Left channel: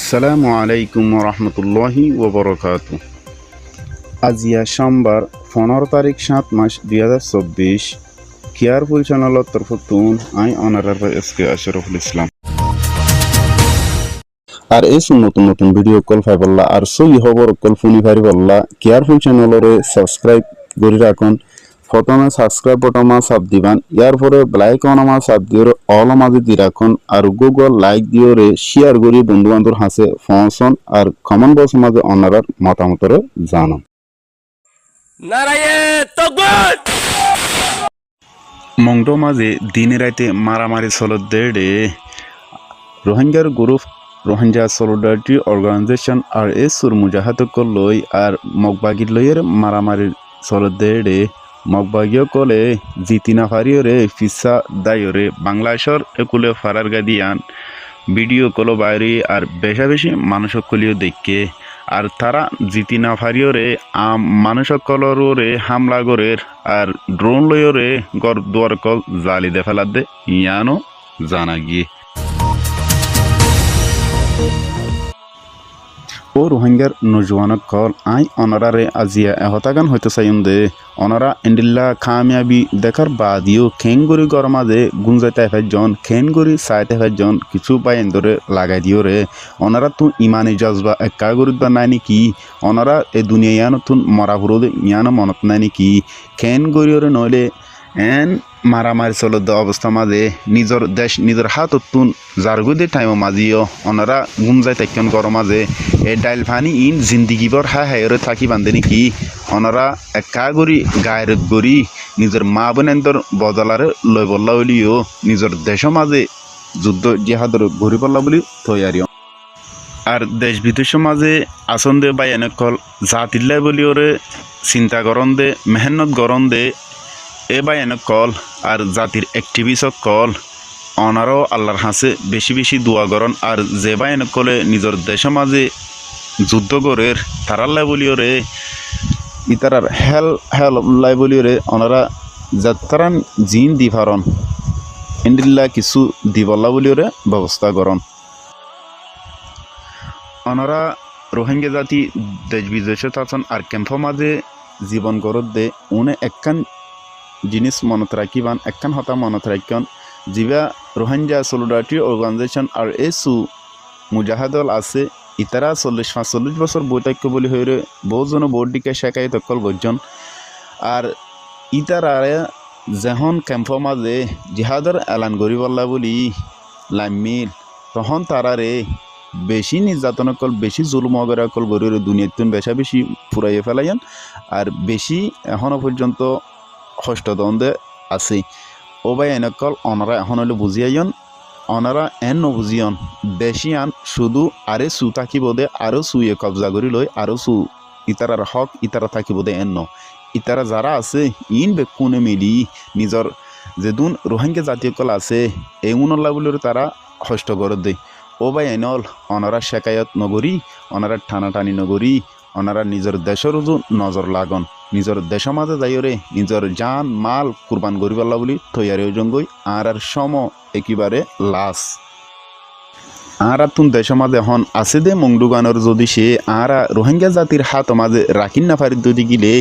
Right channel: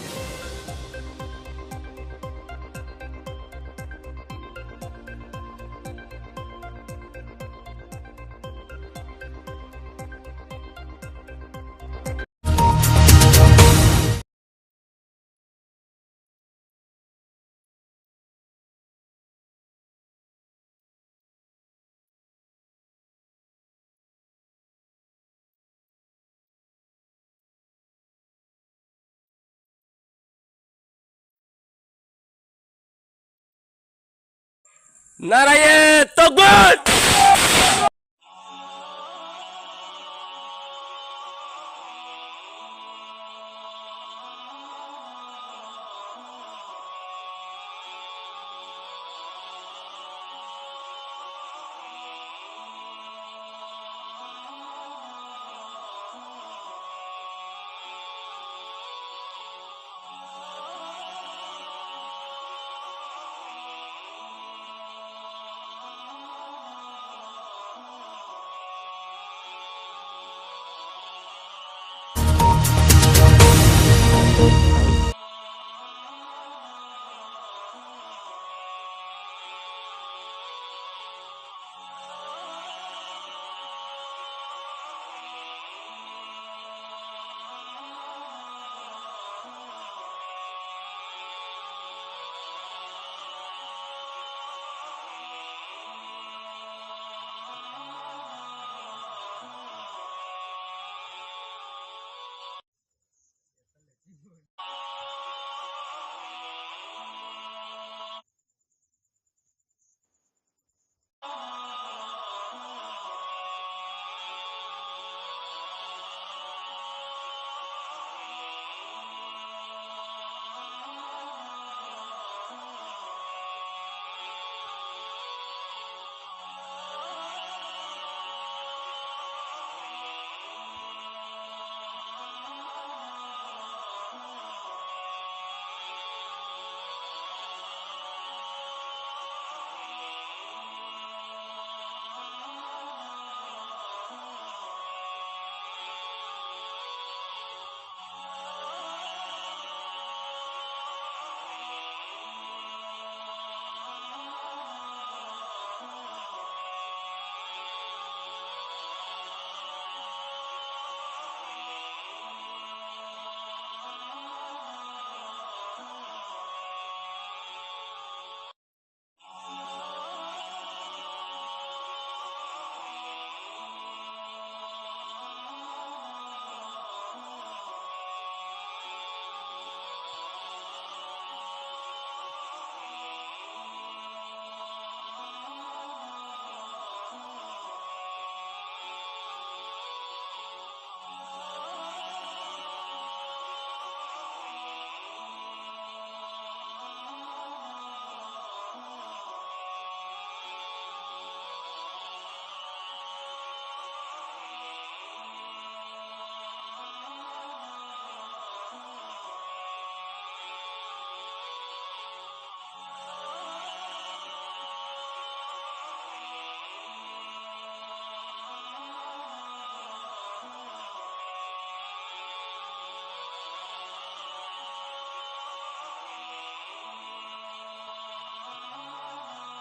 আসসালামু আলাইকুম রহমতুল্লাহি ওবরকাতু। আজিয়া সোমবার 15 তারিখ 7 মাস 2024 কেয়ার পরিচালনার তরফতুন আই অনারার এসকে আশরাফুল ইসলাম আর এই নতুন নতুন ভিডিও কল ফাইবল্লা আর সই খবর কল ফুনি ফারিবল্লা কেয়ারফুল চ্যানেলরে সাবস্ক্রাইব করে রাখুন। প্রথমে সাবস্ক্রাইব বটন চাপ দিবান, ইয়ার পরে বেলাইকন চাপ দিয়ে অল মাঝে দি রাখুন আর গুগল লাইক দিয়ে শেয়ার করি বন্ধু বান্ধব হাসে পৌঁছন আর কমেন্ট বক্স মাঝে অনারার মতামতরে জানান। মংডো মাঝে দিনে রাতে মারামারি চলত দেড়ে রোহিঙ্গার গ্রুপ রোহিঙ্গা সলিডারিটি অর্গানাইজেশন আর এসুর মুজাহাদক লই আর মগবাগির লইয়ের মারামারি চলত দেড়ে মগবাগীয় কলে জিতিনা ফারিয়রে ফিসা দায়রে বাংলাদেশর একুলে ফারার গাদিয়ান ভিডিও কলো বাইরে আর বেশা বেশি মানুষ কলিও দেখে আর তারা জিতিনা ফারিয়রে মানুষ কলরে হামলা গরের আর ড্রোন লইরে গর দুয়ার কল জালি দে ফেলার দে ইয়ানো জানা গিয়ে ও রোহিঙ্গার নজওয়ানক কল আই অনারারে আজিয়া এহতাগান হইতে চাইম দে অনারা এন্ডিল্লা কামিয়াবি দেখার বাদিও খেনগুড়ি গরমাদে গুঞ্জাইতে ফেজন খেনগুড়ি চাইতে ফেজন কিছু পাইন ধরে লাগাই দিও রে অনারা তু ইমানি জজবা একা গরিত বা নাই নাকি অনারা এ দুনিয়া ইয়ানো তুন মরা ফুরোদে ইয়ানো মনত নাই নাকি খেনগুড়িওরে নইলে এন মারামারি চলত অবস্থা মাঝে নিজের দেশ নিজের হাতত তুন জারগুদে টাইম মাঝিও অনারা গুমজাই তাইকন গরম মাঝে এ ডাইল ফানি ইন জিন্দিগিবর হায়রে থাকি বান্ধে নাকি অনারা একা গরি গায়রত গরি নিজের মা বোনেন্দর বদলারে লই বল্লা বলিও নিজের দেশ মাঝে যুদ্ধ জিহাদর ঘুরি পড়লা বলি তৈয়ারি আর দেশ বিদেশ মাঝে আসন দে বা এনেকল জাতিল্লাই বলিওরে চিন্তা করন দে মেহনত গরম দে এ বা এনে কল আর জাতির অ্যাক্টিভিস্ট কল অনারও আল্লাহর হাসে বেশি বেশি দোয়া করন আর যে বা এনে কলে নিজের দেশের মাঝে যুদ্ধ করের তারাল্লাই বলিওরে ইতারার হেল্লাই বলিওরে ওনারা যাত্রান জিন দি ফারন ইন্দিল্লা কিছু দিবল্লা বলিওরে ব্যবস্থা করন। ওনারা রোহিঙ্গা জাতি দেশ বিদেশে থাকেন আর ক্যাম্পের মাঝে জীবন করত দে উনি একখান জিনিস মনত রাখিবান একখান হতা মনত রাখিন যিবা রোহিঙ্গা সলিডারিটি অর্গানাইজেশন আর এসু মুজাহাদল আছে ইতারা 40-45 বছর বৈতাক্য বলি হয়ে বহুজন বোর্ডিকে শেখাই তকল গজন আর ইতারারে যখন ক্যাম্পর মাঝে জিহাদর এলান করিবল্লা বলি লামিল তখন তারারে বেশি নির্যাতন কল বেশি জুলুম অগরা কল গরির দুনিয়াতুন বেশা বেশি ফুরাইয়ে ফেলাইন আর বেশি এখনো পর্যন্ত হস্তদ্বন্দ্বে আছে ও ভাই এনেকল অনারা এখন হলে বুঝিয়াইন অনারা এন নবুঝিয়ন বেশি আন শুধু আরে সু থাকিব দে আরও সুয়ে কবজা করি লই আরও সু ইতারার হক ইতারা থাকিব দে এন ইতারা যারা আছে ইন বেকুনে মিলি নিজর যেদুন রোহিঙ্গা জাতীয় কল আছে এমনল্লা বলে তারা হস্ত করে দে ও ভাই এনেল অনারা শেখায়ত নগরী অনারা টানাটানি নগরী ওনারা নিজের দেশের নজর লাগন নিজের দেশের মাঝে যাইরে নিজের জান মাল কুরবান করিবাল্লা বলি তৈয়ারি জঙ্গই আর সম একেবারে লাশ আর তুন দেশের মাঝে এখন আছে দে মংডুগানোর যদি সে আর রোহিঙ্গা জাতির হাত মাঝে রাখিন না পারি যদি গিলে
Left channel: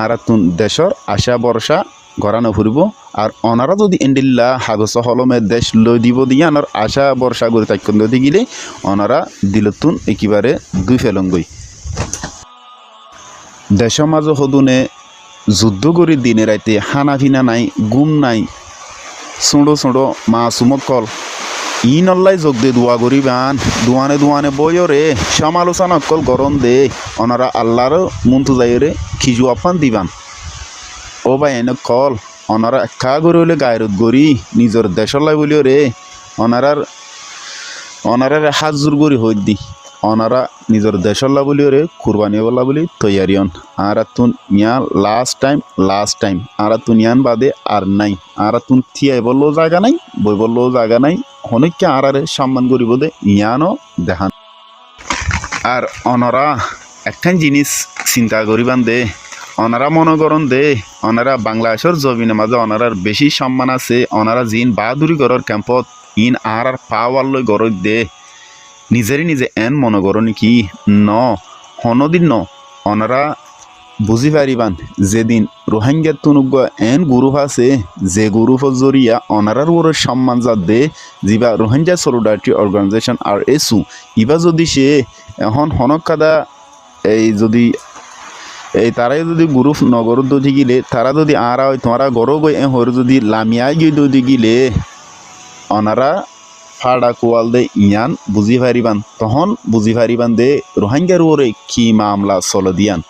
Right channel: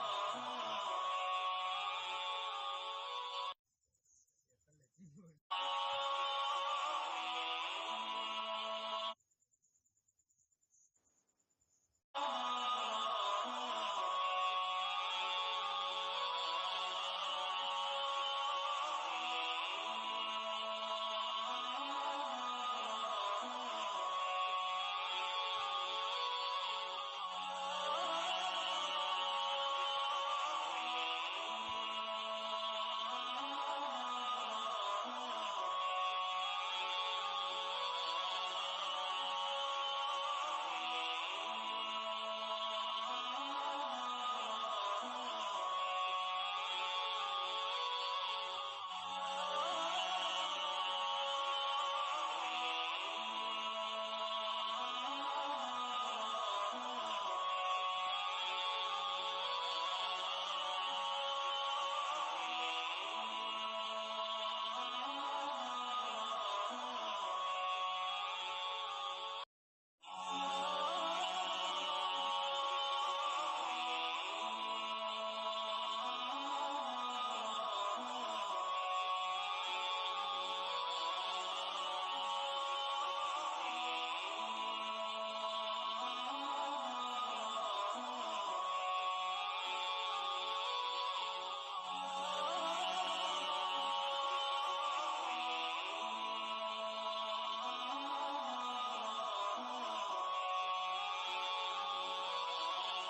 আর তুন দেশের আশা বর্ষা গড়ানো ফুরিব আর ওনারা যদি এন্ডিল্লা হাগস হলমে দেশ লই দিব দিয়ে আনার আশা বর্ষা করে তাইকন যদি গিলে ওনারা দিলতুন একেবারে দুই ফেলঙ্গই দেশের মাঝে সদুনে যুদ্ধ করি দিনে রাইতে হানা ফিনা নাই গুম নাই ছোঁড়ো ছোঁড়ো মাসুমক কল ই নল্লাই যোগ দে দোয়া করিবান দুয়ানে দুয়ানে বইরে সমালোচনা কল গরম দে ওনারা আল্লাহর মন্তু যাইরে খিজু আপান দিবান ও ভাই এনে কল ওনারা একা করে হলে গায়রত গড়ি নিজের দেশের লাই বলিও রে ওনারার হাত জোর করি হই দি ওনারা নিজের দেশল্লা বলিও রে কুরবানি বল্লা বলি তৈয়ারিয়ন আর তুন ইয়া লাস্ট টাইম আর তুন ইয়ান বাদে আর নাই আর তুন থিয়াই বললেও জায়গা নাই বই বললেও জায়গা নাই অনেককে আর সম্মান করিব দে ইয়ানও দেখান আর ওনারা একখান জিনিস চিন্তা করিবান দে ওনারা মনে করন দে ওনারা বাংলাদেশের জমিনের মাঝে ওনারার বেশি সম্মান আছে ওনারা জিন বাহাদুরি গড়র ক্যাম্পত ইন আর পাওয়ার লই গড় দে নিজেরই নিজে এন মনে করনি কি ন হনদিন ন অনারা বুঝি পারিবান যেদিন রোহিঙ্গার তুনুগ এন গ্রুপ আছে যে গ্রুপের জরিয়া অনারার ওর সম্মান যাতে যিবা রোহিঙ্গা সলিডারিটি অর্গানাইজেশন আর এসু ইবা যদি সে এখন হনক কাদা এই যদি এই তারাই যদি গ্রুপ নগর দদি গিলে তারা যদি আরা হয় তোমারা গরো গই হর যদি লামিয়াই গিয়ে দদি গিলে অনারা ফাড়া কোয়াল দে ইয়ান বুঝি পারিবান তখন বুঝি পারিবান দে রোহিঙ্গার ওরে কি মামলা চল দিয়ান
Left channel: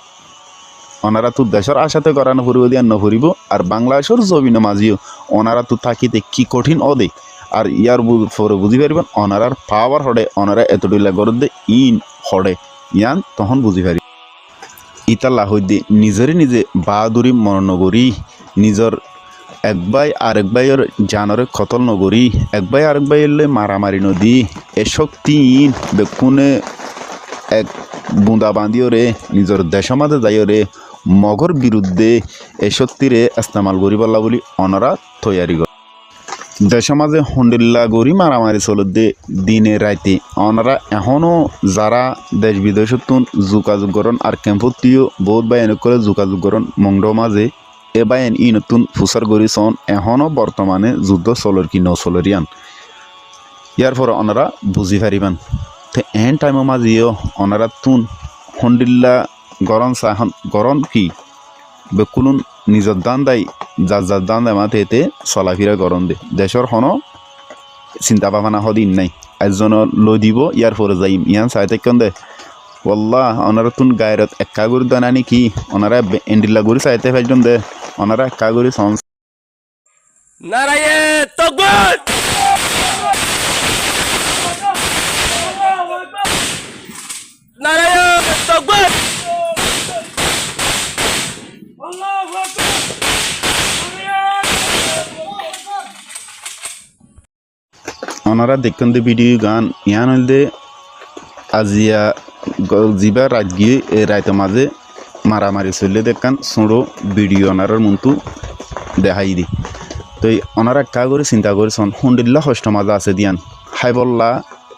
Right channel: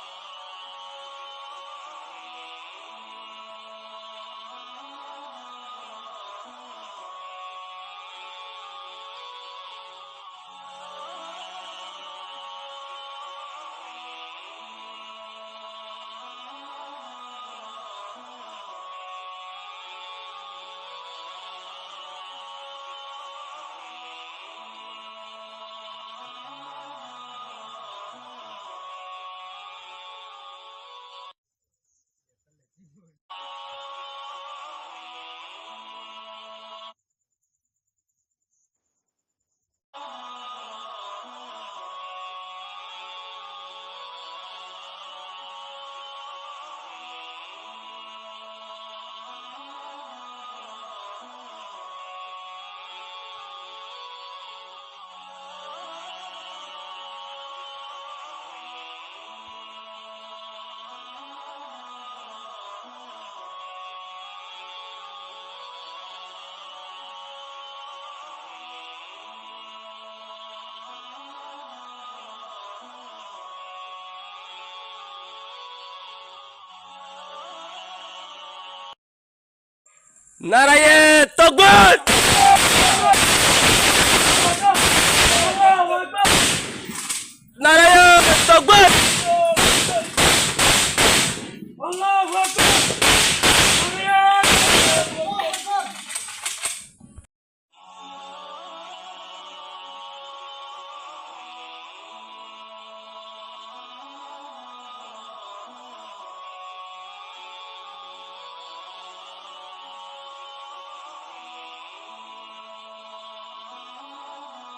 ওনারা তো দেশের আশাতে করানো ফুরিব দিয়ান নফুরিব আর বাংলাদেশের জমিন মাঝিও ওনারা তো থাকিতে কি কঠিন অদে আর ইয়ার পরে বুঝি পারিবেন ওনারার পাওয়ার হড়ে ওনারা এতটুলা গরদ দে ইন হড়ে ইয়ান তখন বুঝি পারি ইতাল্লা হইতে নিজেরই নিজে বাহাদুরি মরণ নগরী নিজের এক ভাই আরেক ভাইয়ের জানরে কতল নগরী এক ভাই আরেক ভাইয়ের মারামারি নদী এ শক্তি বেকুনে এক বুঁদা বান্ধিও রে নিজের দেশের মাঝে যাইও রে মগর বিরুদ্ধে এ শক্তিরে ইস্তেমাল করি পারলা বলি অনারা তৈয়ারি করে দেশের মাঝে হন্ডিল্লা গড়ি মারামারি চলত দে দিনে রাইতে অনারা এখনও যারা দেশ বিদেশত যোগাযোগ করেন আর ক্যাম্পতিও বহুত বাই এনে করে যোগাযোগ করেন মংড মাঝে এ বাইন ই নতুন ফুসার গড়ি চন এখনও বর্তমানে যুদ্ধ চলর কি নচলরিয়ান ইয়ার পরে ওনারা বুঝি পারিবান তো এন টাইমের মাঝেও ওনারা তুন হন্ডিল্লা গরম চাহন গরম কি বেকুলুন নিজের দান দেয় যার দান দেয় মাথে এতে চলাফিরা গরম দে দেশের হন চিন্তা ভাবনা হদিন নাই একজন লই দিব ইয়ার পরে যাইম ইয়ান চাইতে কেন দে ওল্লাহ ওনারা তুন গায়রত একা গরি দানানি কি ওনারা এন্ডিল্লা গরি চাইতে ফেলজন দে ওনারা একা গরি সন নারায়ে তাকবীর নারায়ে তাকবীর আল্লাহু আকবার ওনারা দেখতেন দে ভিডিও গান ইয়ান হইলে আজিয়া যিবা রাত গিয়ে এই রাতের মাঝে মারামারি চললে দেখান ছোটো ভিডিও ওনারার মন্তু দেখাই দি তো ওনারা একা করে চিন্তা করেছেন হুন্ডিল্লা কষ্ট মাঝে আছে দিয়ান হাইবল্লা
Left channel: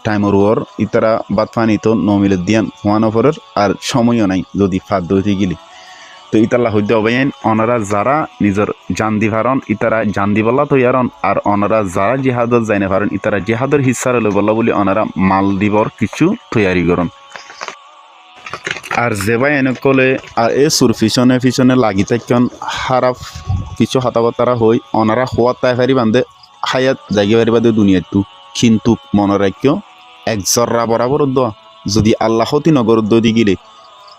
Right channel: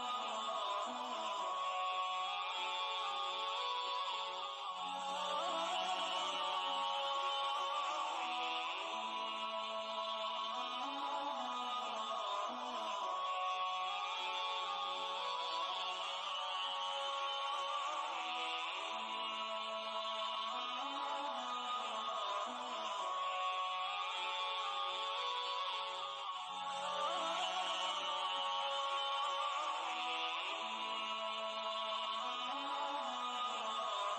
টাইমর ওর ইতারা বাদ পানি তো নমিলে দিয়ান হওয়ানো পরের আর সময়ও নাই যদি ফাঁদ দইতে গেলি তো ইতাল্লা হইতে অবাইন ওনারা যারা নিজের জান দি পারন ইতারা জান দি বল্লা তৈয়ারন আর ওনারা যারা জিহাদত যাইনে পারেন ইতারা জিহাদের হিসার হলে বল্লা বলি ওনারা মাল দিবর কিছু তৈয়ারি করন আর যেবাই এনে কলে আর এই সুর পিছনে লাগি থাকেন হারাফ কিছু হতাবতারা হই ওনারা হওয়ার তাই ফারি বান্ধে হায়াত জাগি পারি বাদে দুনিয়াটো কিন্তু মনে রাখিও এক জর্রা বরাবর দোয়া যদি আল্লাহ হতি নগর দি গিলে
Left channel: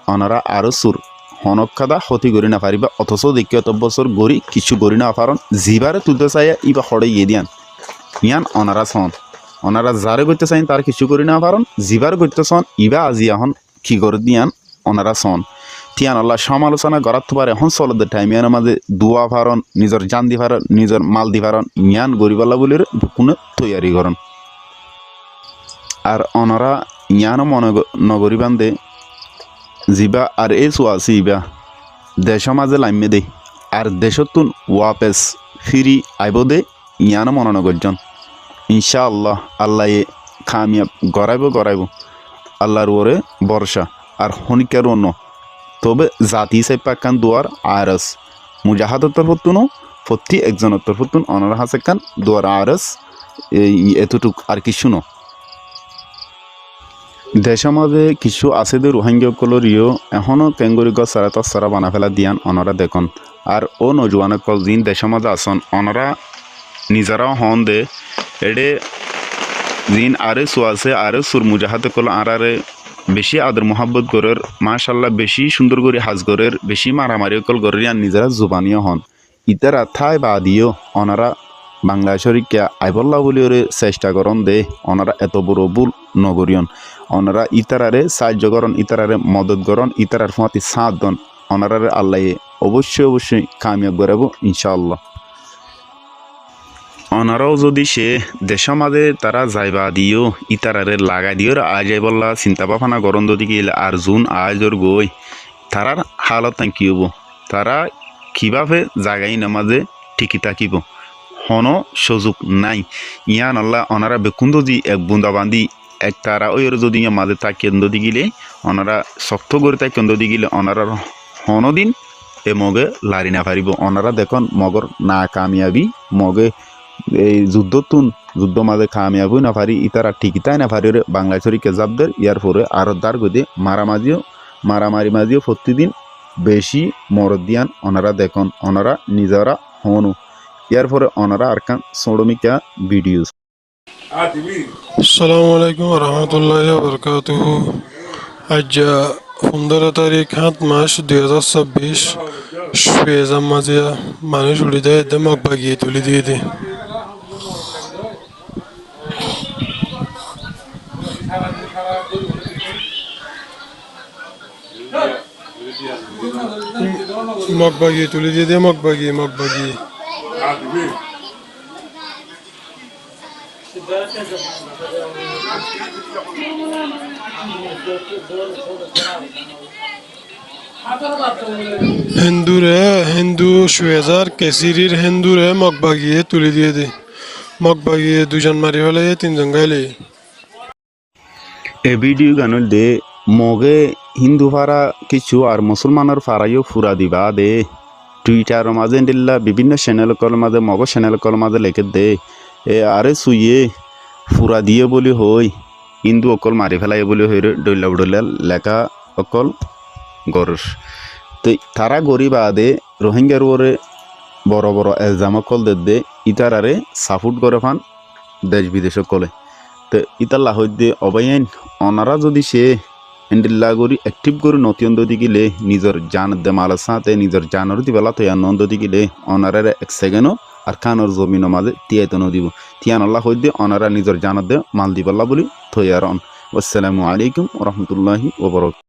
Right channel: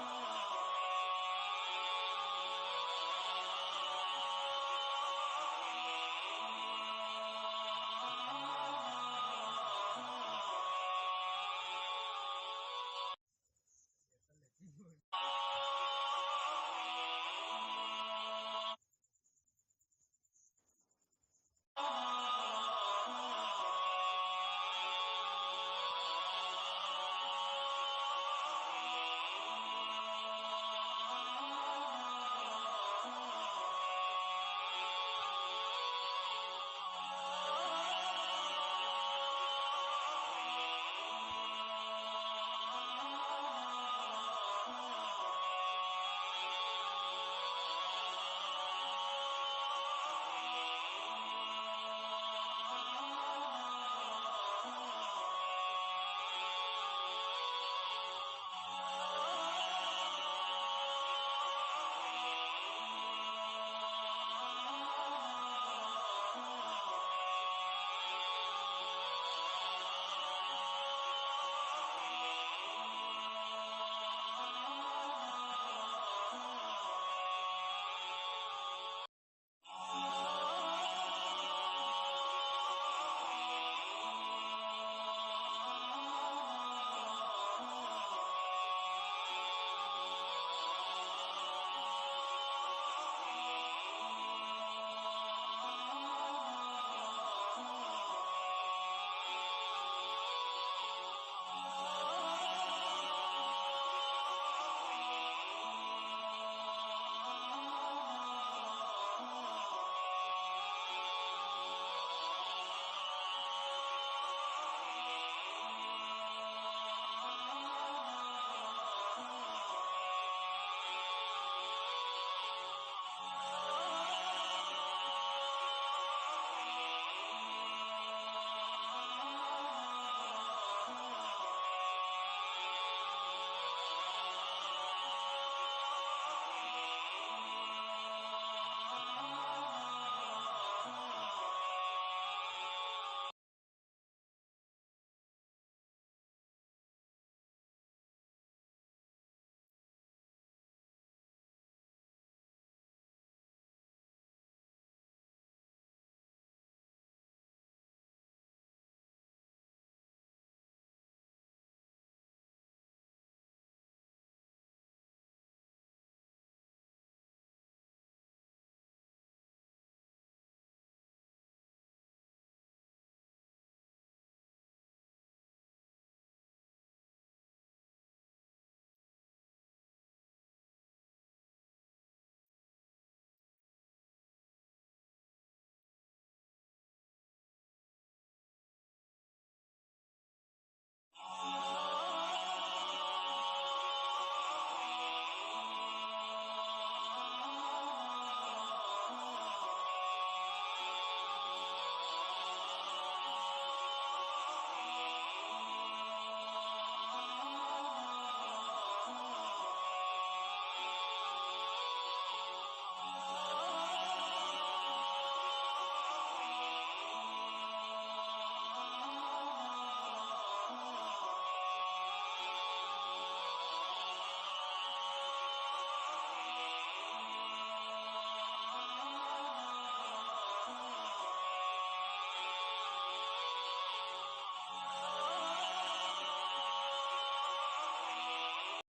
ওনারা আরও সুর হনক খাদা ক্ষতি করি না পারিবা অথচ দেখি অত বছর গড়ি কিছু গড়ি না পারন জিবারে তুলতে চাই ইবা হড়ে গিয়ে দিয়ান ইয়ান ওনারা চন ওনারা যারে করতে চাই তার কিছু করি না পারন জিবার করতে চন ইবা আজি এখন কি করে দিয়ান ওনারা চন তিয়ান আল্লাহ সমালোচনা করার পারে এখন চলতে টাইম ইয়ানের মাঝে দোয়া পারন নিজের জান দি পারন নিজের মাল দি পারন ইয়ান গরিবাল্লা বলির কোনো তৈয়ারি করন আর ওনারা ইয়ানও মনে নগরী বান্ধে যিবা আর এই চোয়াছি ইবা দেশের মাঝে লাইমে দে আর দেশতুন ওয়াপেস ফিরি আইব দে ইয়ানো মনে করজন ইনশাআল্লাহ আল্লাহ কামিয়াব গড়াইব আল্লাহর ওরে বর্ষা আর হনিকার অন্য তবে জাতি সাই পাকান দুয়ার আরস মুজাহাদর তরফতুনো প্রতি একজনের তরফতুন অনার হাসে কান দুয়ার আরস এতটুক আর কিছু ন দেশের মাঝে কিছু আছে দে রোহিঙ্গাসকলরিও এখনও কেঙ্গুরি গছ সারা তসারা বানা ফেলা দিয়ান ওনারা দেখুন আর ও নজওয়ানসকল যিন দেশের মাঝে আসন ওনারা নিজেরাও হন দে এডে যিন আরে আছে আরে সুর মুজাহাদসকল আরে বেশি আদর মোহাব্বত গরের মাশাল্লাহ বেশি সুন্দর করে হাজ গরের বেশি মারামারি অকল গরের আর নিজেরা জুবানিও হন ইতারা থাই বা দিও ওনারা বাংলাদেশের কে আইবল্লা বলি ওরে চেষ্টা করন দে ওনারা এত বড় ভুল নগরিয়ন ওনারা ইতারারে সাহায্য করন ইতারারে মদত করন ইতারার ফাঁতি সাথ দন ওনারারে আল্লাহ অবশ্যই কামিয়াব করাবো ইনশাআল্লাহ ওনারাও যদি সে দেশের মাঝে তারা যাইবা দিও ইতারারে লাগাই দিও আজ বললা চিন্তা ভাবনা গরম যদি গেলে আর জুন আজর গই তারার হালত কি হব তারা কিভাবে জাগাই নামাজে ঠিকই থাকিব হন সুযোগ নাই ইয়ান আল্লাহ ওনারা বেকুন্দ দি এক বুন্দা বান্ধি একটারা ওই যদি মাঝে তা কেন্দ্র দি গিলে ওনারা শক্ত করে তাই কেন্দ্র দি গিলে ওনারা হনদিন এ মগে লারি না পারিব ওনারা দেখুন মগর না কামিয়াবি মগে এই যুদ্ধ মাঝে কামিয়াবই না পারি ইতারা ঠিকিতাই না পারি বাংলাদেশের কেজাবদের ইয়ার পরে আর দার গদে মারামারি মাঝিও প্রতিদিন বেশি মরদ দিয়ান ওনারা দেখুন ওনারা নিজেরা হনু ইয়ার পরে ওনারা আর কান সোডমিকা ভিডিও আসসালামু আলাইকুম রহমতুল্লাহ বরকাতুহ। আজ 15 তারিখ 7 মাস 2026 শুয়েজাম মাঝে মানুষ উড়ি দেয় মগ বাগিয়ে তুলি দিয়ে দে মগ বাগিয়ে তুলি দিয়ে দে মগ বাগিয়ে হিন্দু শুয়েজার কেসিরির হিন্দুরে মগ বাগিয়ে তুলি দিয়ে দে মগ বাগিয়ে দুজন মারি হলে 3 জন গাইলে এ ভিডিও গানুল দে মগে হিন্দু ফারা কিছু আর মুসলমানের ফারাইও ফুরা দিবা দে টুইটার মাঝে দিল্লা বিভিন্ন চ্যানেল কল মাঝে মগ চ্যানেল কল মাঝে লেখে দে এ আরে সুইয়ে ফুরা দিয়ে বলি হই হিন্দু অকল মারি ফেলাই বলি হই ডইলা লেখা অকল গরস তো তারা গরিবা দে রোহিঙ্গার ওরে বড় বড় এলজাম অকল দে ইতারারে সাপোর্ট করে ফান দেশ বিদেশ কলে তো ইতাল্লা হইতে অবাইন ওনারা যদি সে হ্যান্ডেল্লা করি অ্যাক্টিভ করে নতুন দি গিলে নিজের জান দে মালের সাথে নিজের জানর দিবেলা তো নন্দ দি গিলে ওনারা এক সেকেন্ডও আর খানোর জমিনের মাঝে তিয়াইতে নদিব তিয়ান আল্লাহ হইতে ওনারা নিজের জানত দে মাল দিবেলা বলি থই আর আসসালামু আলাইকুম রহমতুল্লাহি ওবরাকাতুহু।